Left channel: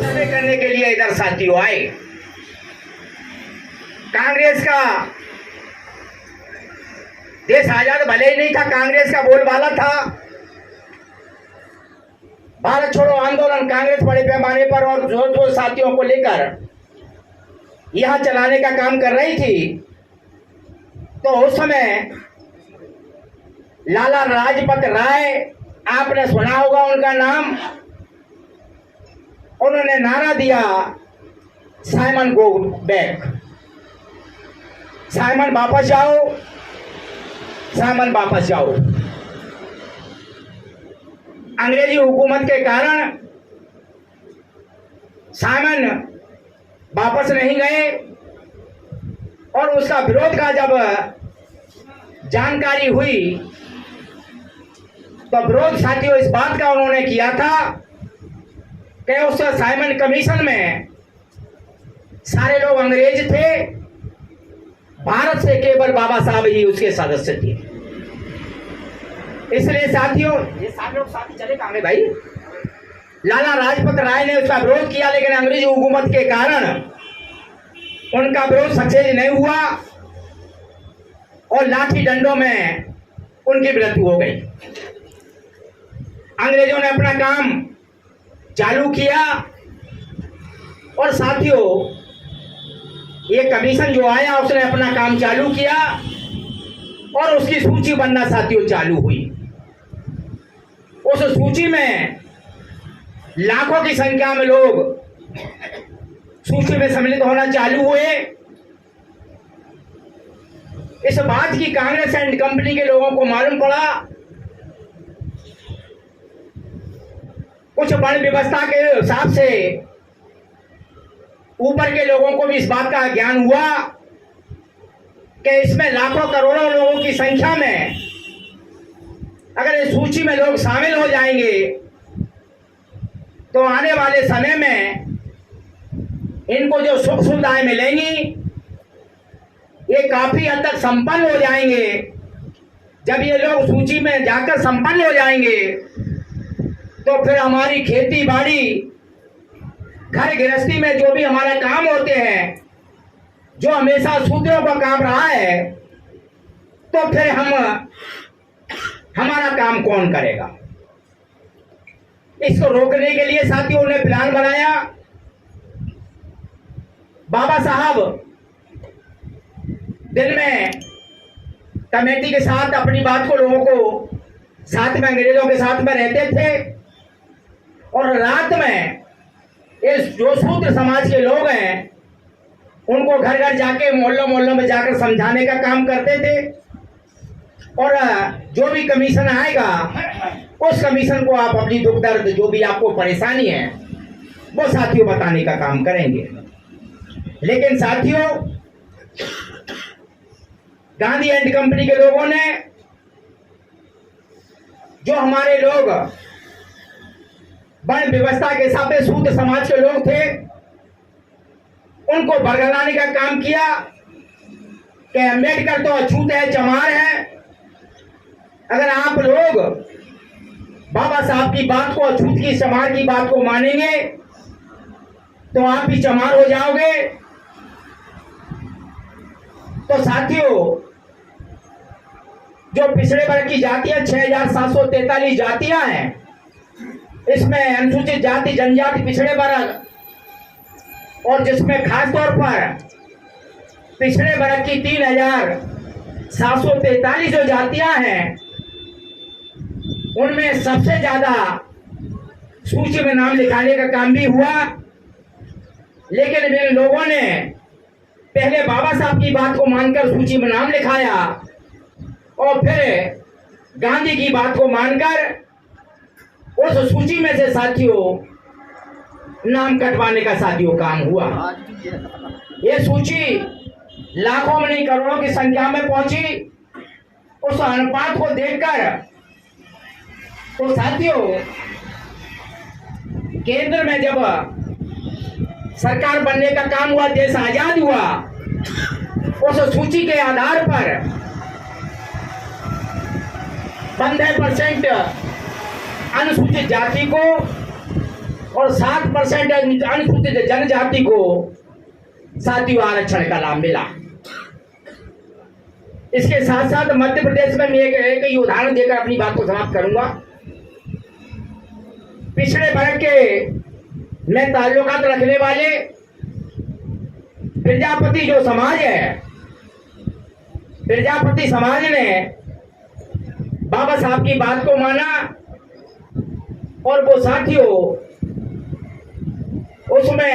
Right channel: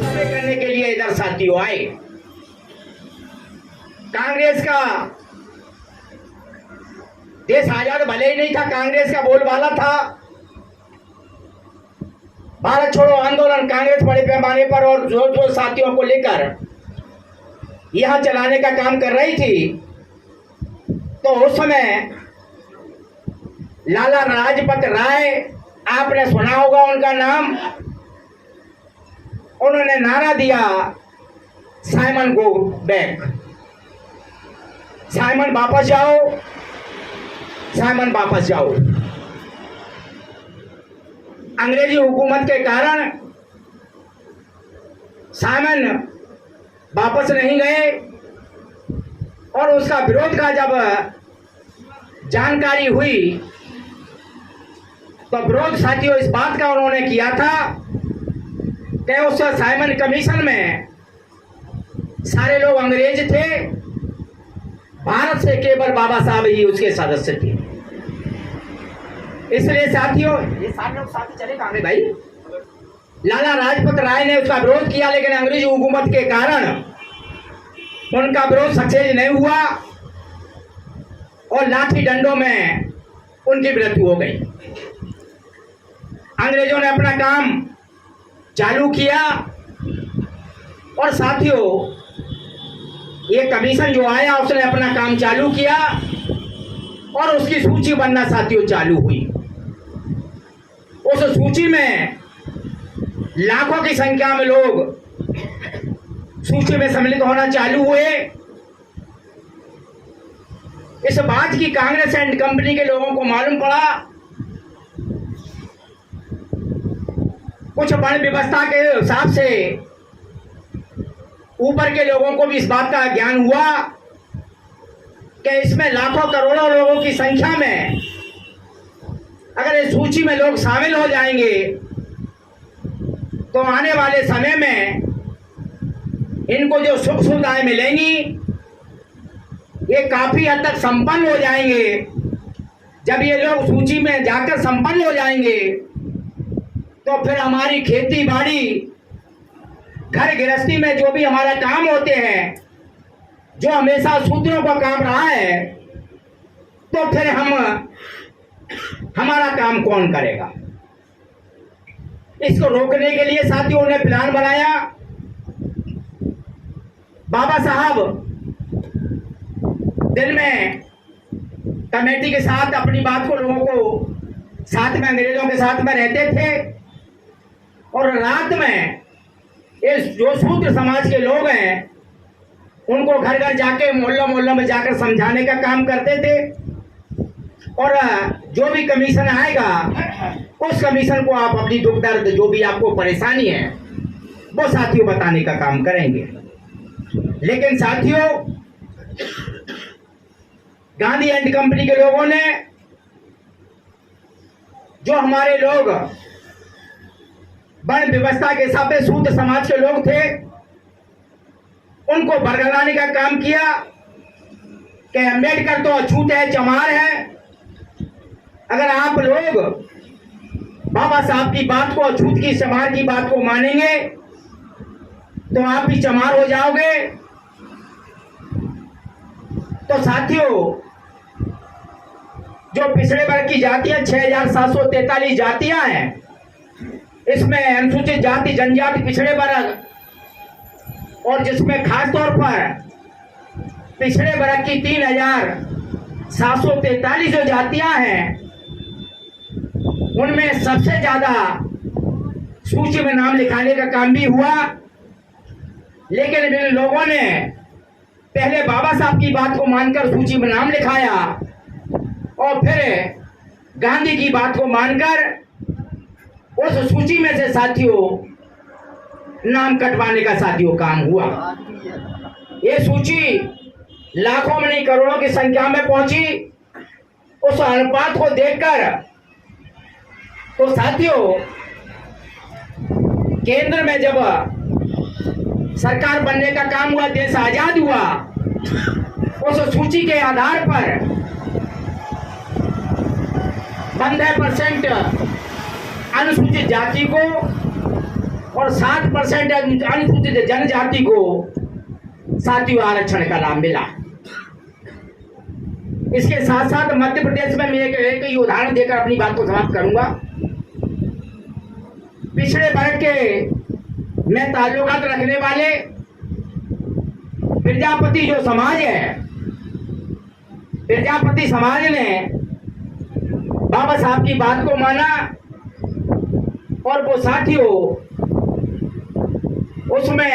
सर्वे करने के लिए इधर साथियों आए। कांग्रेस का देश आजाद भले ही नहीं था, कांग्रेस का बोलबाला था। भारत छोड़ो आंदोलन कांग्रेस बड़े पैमाने पर और जोर जोर साथियों को लेकर यहां चलाने का काम कर रही थी। तो उस समय लाला लाजपत राय, आपने सुना होगा उनका नाम, उन्होंने नारा दिया साइमन गो बैक, साइमन वापस जाओ, साइमन वापस जाओ। अंग्रेजी हुकूमत के कारण साइमन वापस नहीं गए और उसका विरोध का जब जानकारी हुई तो विरोध साथियों इस बात का उन्होंने किया था कि उस साइमन कमीशन में सारे लोग अंग्रेज थे, भारत से केवल बाबा साहब ही उसके सदस्य थे। इसलिए साथियों ये सारे लोग साथी चले कहां भाई। लाला लाजपत राय ने उसका विरोध किया, लेकिन अंग्रेजी हुकूमत के कारण उनका विरोध सक्सेस नहीं हुआ और लाठी डंडों में उनकी मृत्यु हो गई। अंग्रेजों ने अपना काम चालू किया और साथियों ये कमीशन जो आया उसने अपना काम चालू किया और उसकी सूची बनना साथियों चालू हुई। उस सूची में लाखों की संख्या में लोग सूची में सम्मिलित होना चालू हुए। इस बात की कांग्रेस एंड कंपनी के लोगों को मालूम पड़ा, कुछ वर्ण व्यवस्था के हिसाब से ऊपर के लोगों को भी इस बात का ज्ञान हुआ कि इसमें लाखों करोड़ों लोगों की संख्या में अगर इस सूची में लोग शामिल हो जाएंगे तो आने वाले समय में इनको जो सुख सुविधाएं मिलेंगी ये काफी हद तक संपन्न हो जाएंगे। जब ये लोग सूची में जाकर संपन्न हो जाएंगे तो फिर हमारी खेती बाड़ी, घर गृहस्थी में जो भी हमारा काम होते हैं, जो हमेशा शूद्रों का काम रहा है, तो फिर हमारा काम कौन करेगा। इसको रोकने के लिए साथियों ने प्लान बनाया। बाबा साहब दिन में कमेटी के साथ अपनी बात को लोगों को साथ में अंग्रेजों के साथ में रहते थे और रात में इस जो शूद्र समाज के लोग हैं उनको घर घर जाके मोहल्लों मोहल्लों में जाकर समझाने का काम करते थे और जो भी कमीशन आएगा उस कमीशन को आप अपनी दुख दर्द जो भी आपको परेशानी है वो साथियों बताने का काम करेंगे। लेकिन साथियों गांधी एंड कंपनी के लोगों ने, जो हमारे लोग वर्ण व्यवस्था के हिसाब से शूद्र समाज के लोग थे, उनको बरगलाने का काम किया कि अम्बेडकर तो अछूत है, चमार है। अगर आप लोग बाबा साहब की बात को, अछूत की चमार की बात को मानेंगे तो आप भी चमार हो जाओगे। तो साथियों जो पिछड़े वर्ग की जातियां 6743 जातियां हैं, इसमें अनुसूचित जाति जनजाति पिछड़े वर्ग और जिसमें खास तौर पर पिछड़े वर्ग की 3743 जो जातियां हैं उनमें सबसे ज्यादा सूची में नाम लिखाने का काम भी हुआ। लेकिन जिन लोगों ने पहले बाबा साहब की बात को मानकर सूची में नाम लिखाया और फिर गांधी की बात को मानकर उस सूची में से साथियों नाम कटवाने का साथियों काम हुआ। ये सूची लाखों में नहीं करोड़ों की संख्या में पहुंची। उस अनुपात को देखकर तो साथियों केंद्र में जब सरकार बनने का काम हुआ, देश आजाद हुआ, उस सूची के आधार पर 15% अनुसूचित जाति को और 7% अनुसूचित जनजाति को 7वीं आरक्षण का लाभ मिला। इसके साथ साथ मध्य प्रदेश में मैं एक उदाहरण देकर अपनी बात को समाप्त करूंगा। पिछड़े वर्ग के में ताल्लुकात रखने वाले प्रजापति जो समाज है, प्रजापति समाज ने बाबा साहब की बात को माना और वो साथियों उसमें